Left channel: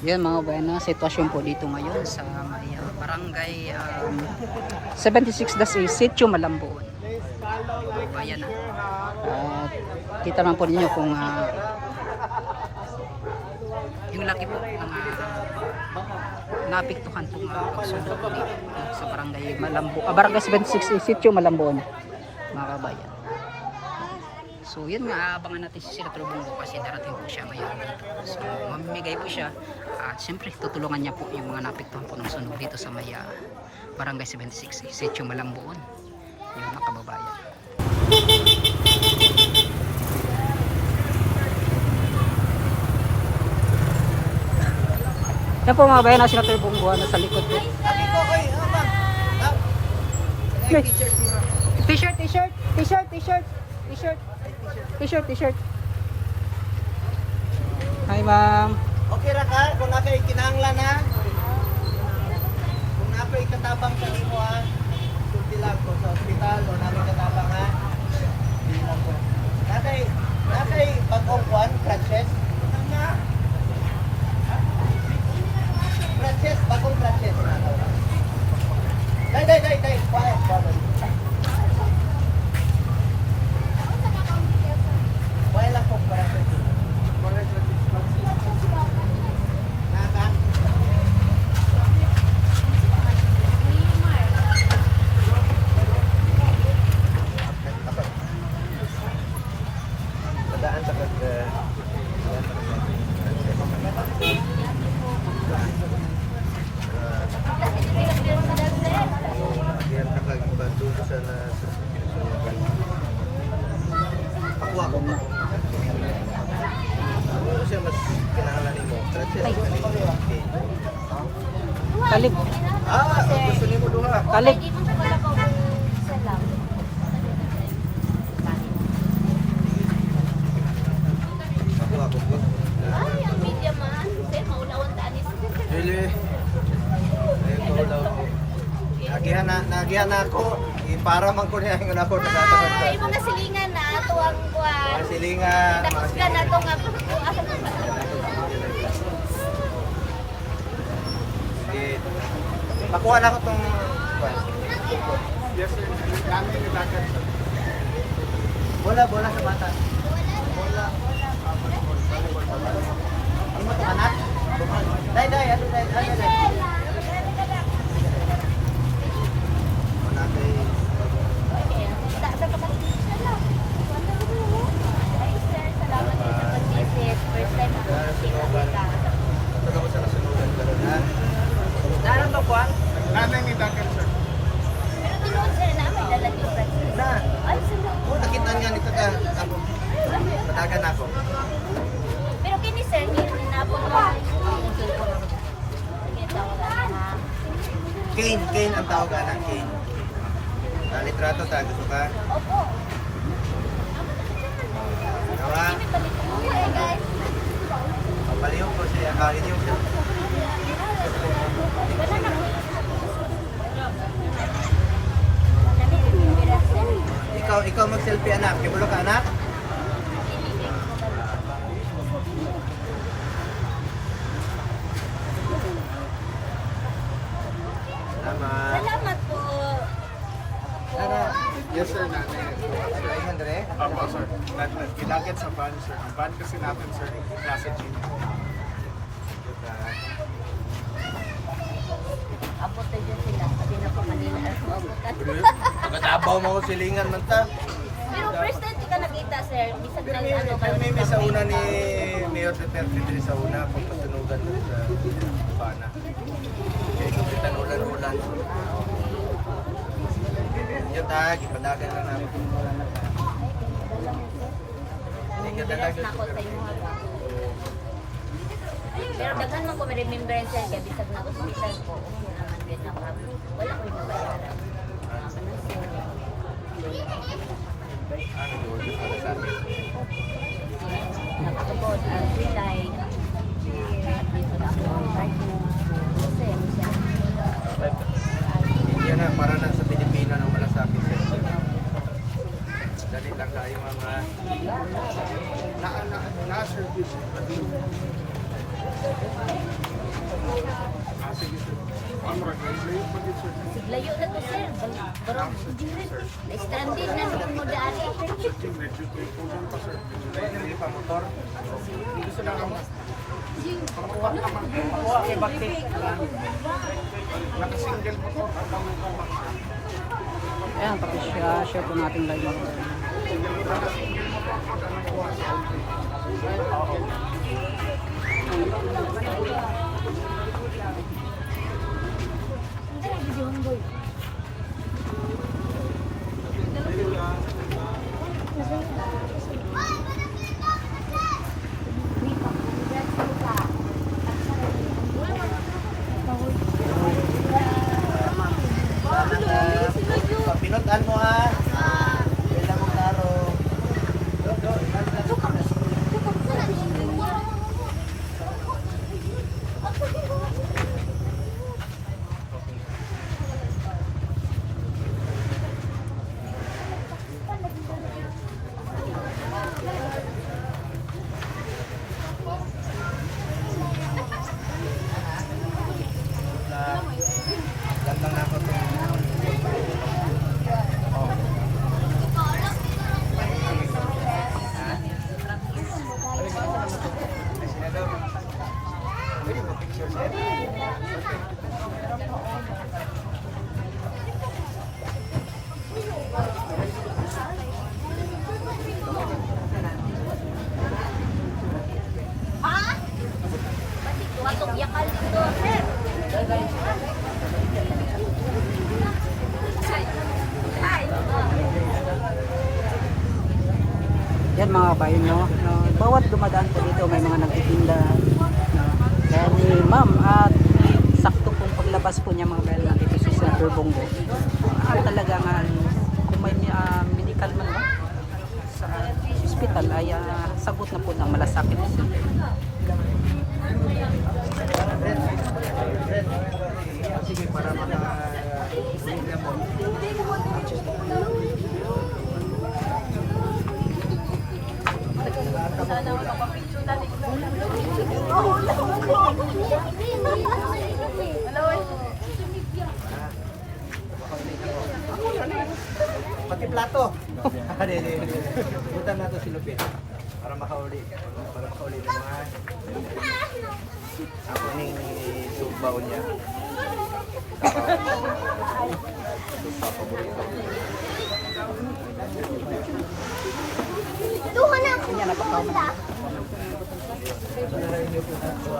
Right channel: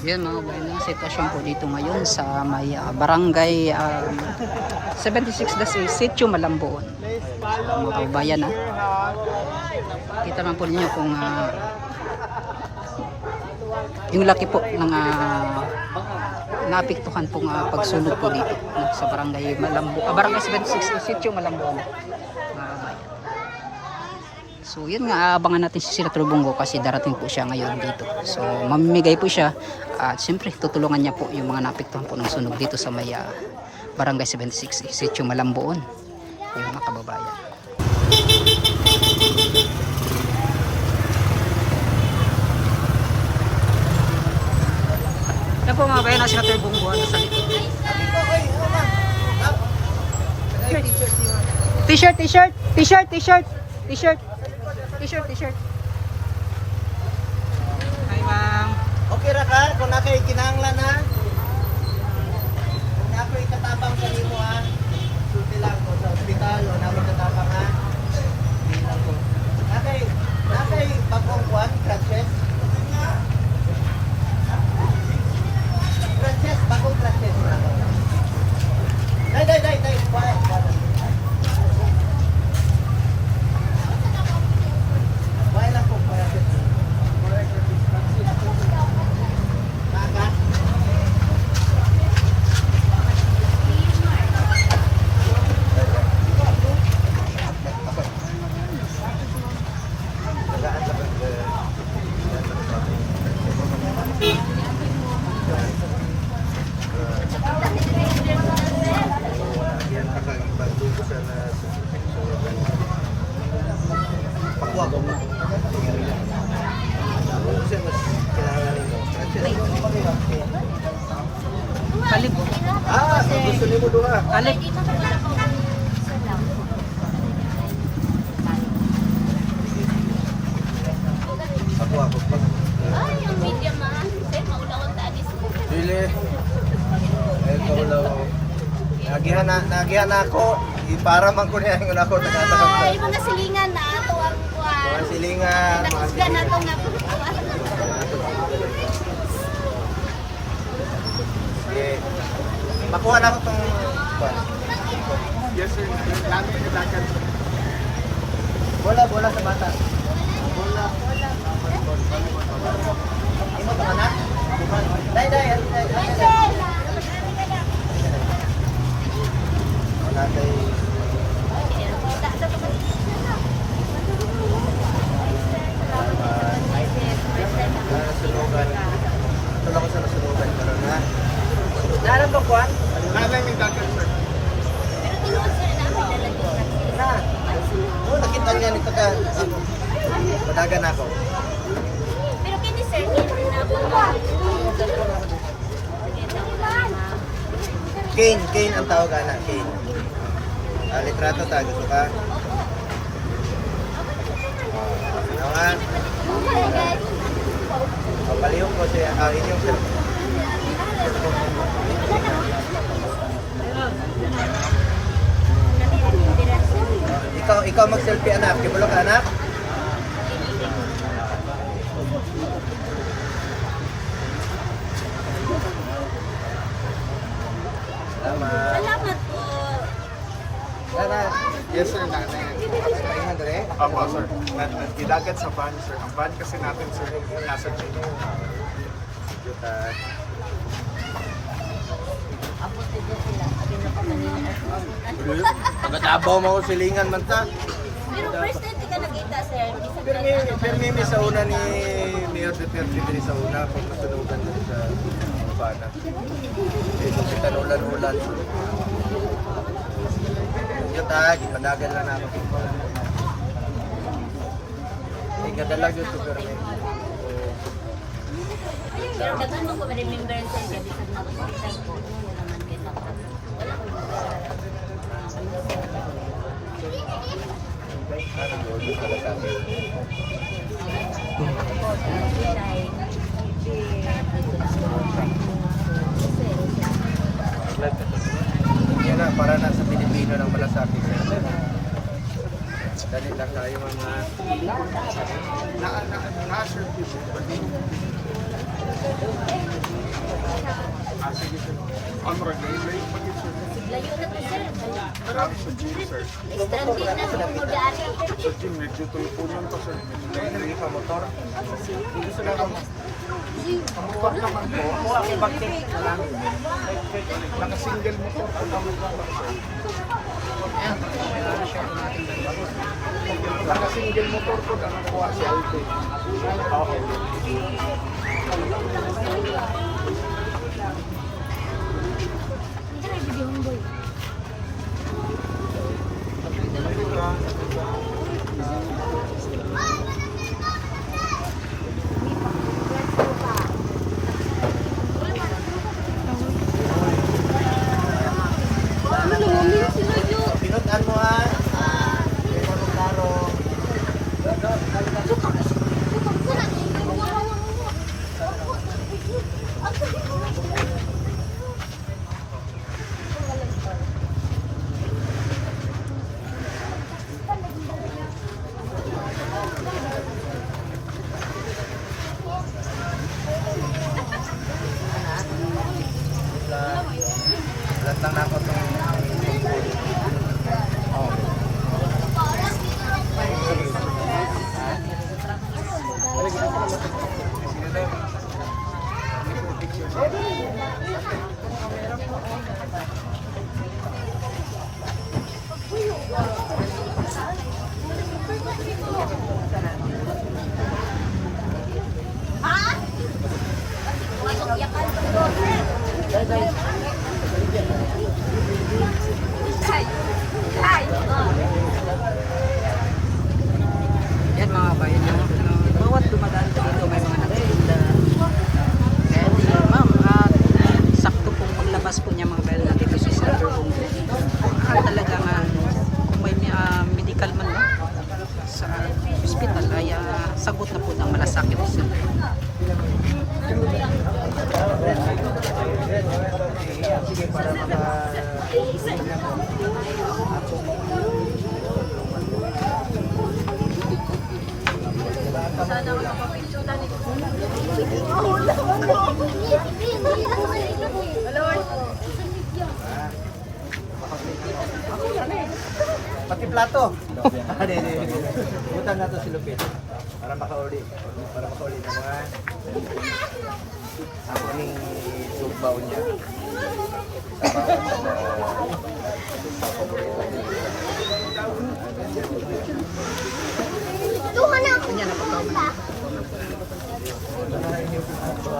Yan mga bayan, na sitwasyon po dito ngayon sa may barangay 76-A, Sitio Malamboon. Mga kabayan kita lang po ninyo kung yung laki po ng naapektuhan pong pagsunog po dito sa barangay barangay 76, Sitio Malamboon, mga kabayan. So yun nga, abangan natin si Senator Bongo kasi darating po siya ngayon dito. So mamimigay po siya at siyempre tutulungan niya po yung mga naapektuhan po ng sunog dito sa may barangay 76, Sitio Malamboon, yung mga kababayan. Yan po mga bayan, na Senator Bongo na sa likod po. T-shirt. Hi ma'am. Okay ra ka kung nakay kinahanglan ha. Kung nakay katabang kanimo ha. Sulti lang ko sa ospital o namin katabang ha. Hindi lang ko. Nakay bagong kwan, crutches. Bagong crutches na ako. Dai. Quiet. Wala lang kung crutches. Talib. Gusto niyo mo duha? Talib. Ako. Ay, ang media man. Kasi maulawan tanis. Dili. Ito ulaw. Nagihan na ako. Para man ko niya yung ako Ay, mga silingan na. Ito ang kuwan. Mga silingan. Nakusga na ito nga kuwan. Sige. Pakuha na ko itong kuwan. Yes sir, namin yung dagat. Bola sa bata. Bola. Imo to anak? Dai. Wala kay Salamat sa pag-visit. First time ako nakikita. Ito lang ko sa nasunugan karon ha. Daanan to kuwan? Namin yung dagat sir. Pero tinuod sir na may dalag yung practice. Na. Ay, sunod. Oh, nakita niya ni taga. Padagan ako. Pero kini sir, hindi na po Kane ang tawag ana, Kane. Litrato ta gusto ka? Naman. guys. Palihog ko siya. Inyong cellphone. Ikaw mag-selfie anak. Kibulo ka anak? Salamat. Salamat po. Tara. Yes sir, namin. Pahingan dere. Opo sir. Gidagat sa van sir. Ang van kasi natin sir, nasa gym. Juta. Abot na dyan sila. Sabi na po kanina. Matabaw mo ko silingan man ta. Pero first time kita nakita sir. Hindi sa Pero may sa una ni Mayor Duterte diri sa una pag nasunugan diri sa Habana. Kaya kung kita ulan-ulan. Yan ta, gipadagan na namin. Hindi ka dalag yung sugar mo. Pero daghan man ko remembrance sir. Kaya bisag na ko sa sir ko. Ano naman din na wala ko yung mabayaran. Anong role na sa atin? Ito po, July. At dito na ako. Sir, siya. Yan na, para na sa Pilipino ng malasakit sir. Dali lang tayo mga... Na-service. ron, layo pa yun sir. Siglayo na to sir. Pero, na-stranded na sa mga dari. Sir Jing, nagtutulungan pa sir. Hindi ka motor. Hindi sila naman. Pagkuha naman. Pagkuha kay bakit. Nakasingle motor ko lang. Ayan, pakishare po natin live mga kabayan. Nakasingle motor ko lang. Nakuha si Aldo. Pinutan mo ha. Kailan mo klaro. Lantang na ako itong Yan mga kabayan, no? Bawat dumadaan po dito may mga nagtitinda. Kaya ni ma'am at sakto pong paglabas po niya mga kabayan nandito si Senator Bongo. Talaga nga kung may medical man no sa hospital ay sagot na po ng malasakit center. sige para maka-ulit na mo. Ako na eh. Pati plato. Butan nato si Lupit. Para makauli. Para makauli ng mga ako ning tugbaw niya. Sa bawat tugbaw paborito. Kanya na pagkaman. Wala na rin yung plato.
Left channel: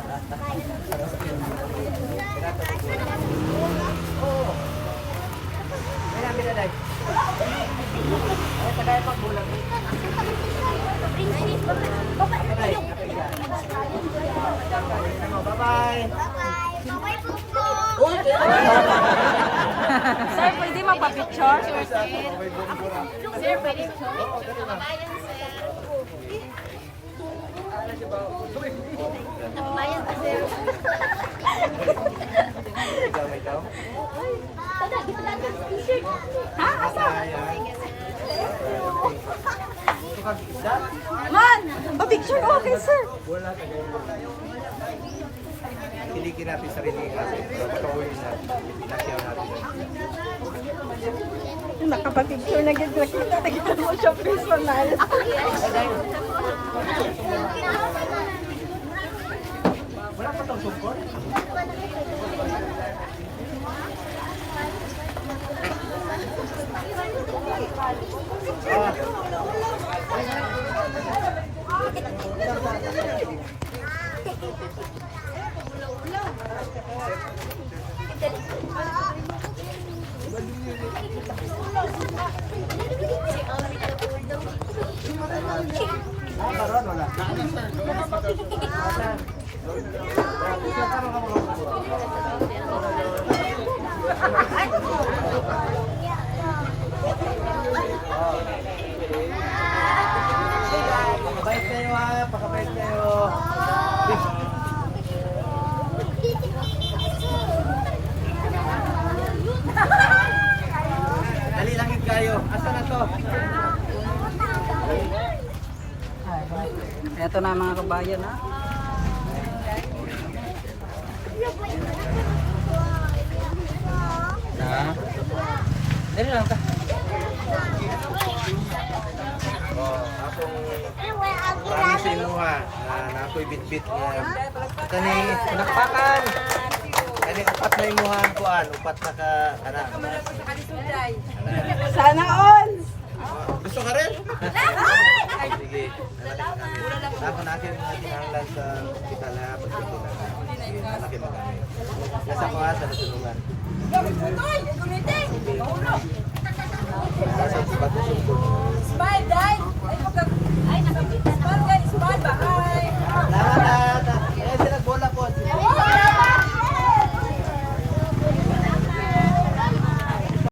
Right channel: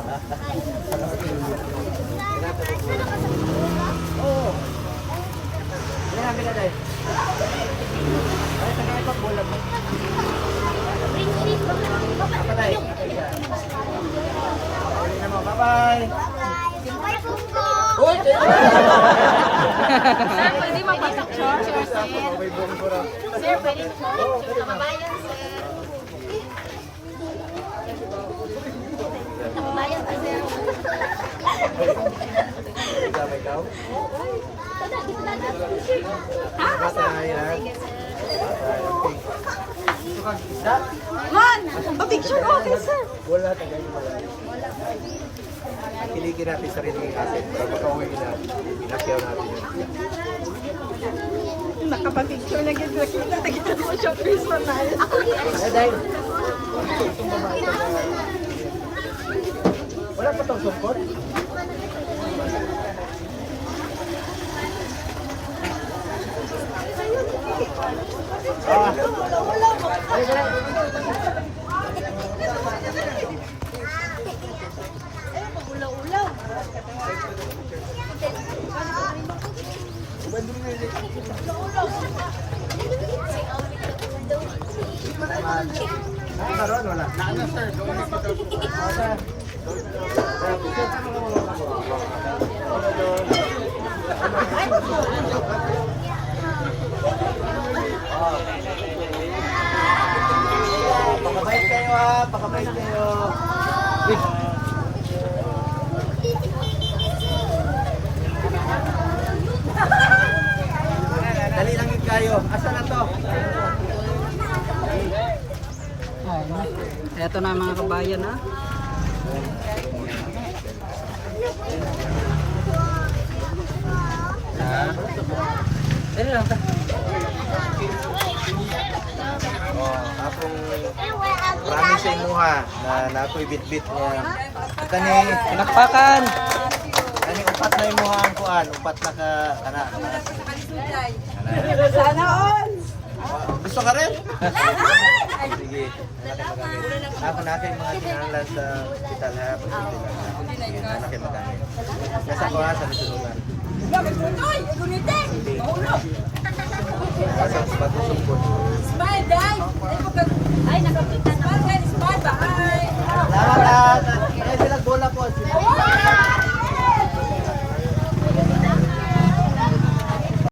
Kinata ko po. Oo. Yan ang binaday. Ay, tagay pa bulag. Apa tayo? Apa siya? Ulit na mo. Bye-bye! Bye, Bungo! Uy! Hindi mo i-picture. May Bungo ra. Oo, dali na. Bayan pa sir. Ikaw, may ikaw? Matay, ha? Matay, ang pink. Ito kang isda? Man! Picture natin sir. Wala, tagay wala. Kilikin natin sarili natin para makauwi na. Inakyaw natin yung isda. Nakapag-picture na gid nakita tagita mo siya personal. Eh, dahil. Itong mamae ka na. Wala pa tong sungkot? Karon wala. Naano sir, doon kita. Sir. Sir, tama ka mo. Wala doon. Pakabait kayo ha, pakabait kayo. Dali lang yung kayo. Asa na to? Ito na mga kabayan ha. na nakoy bitbit nga kani palakpakan. Kani upat na imuhang kuan, upat na ka ana. Sana all! Gusto ka rin? Sige. Ako na kayo mga kinahanglan sa hospital ha. Pagpunti lang ha. Sige, na kayo magamit. Yes, ako ha, sa nasunungan. Gamit mo to! Gunitin! Mahulog! Pasok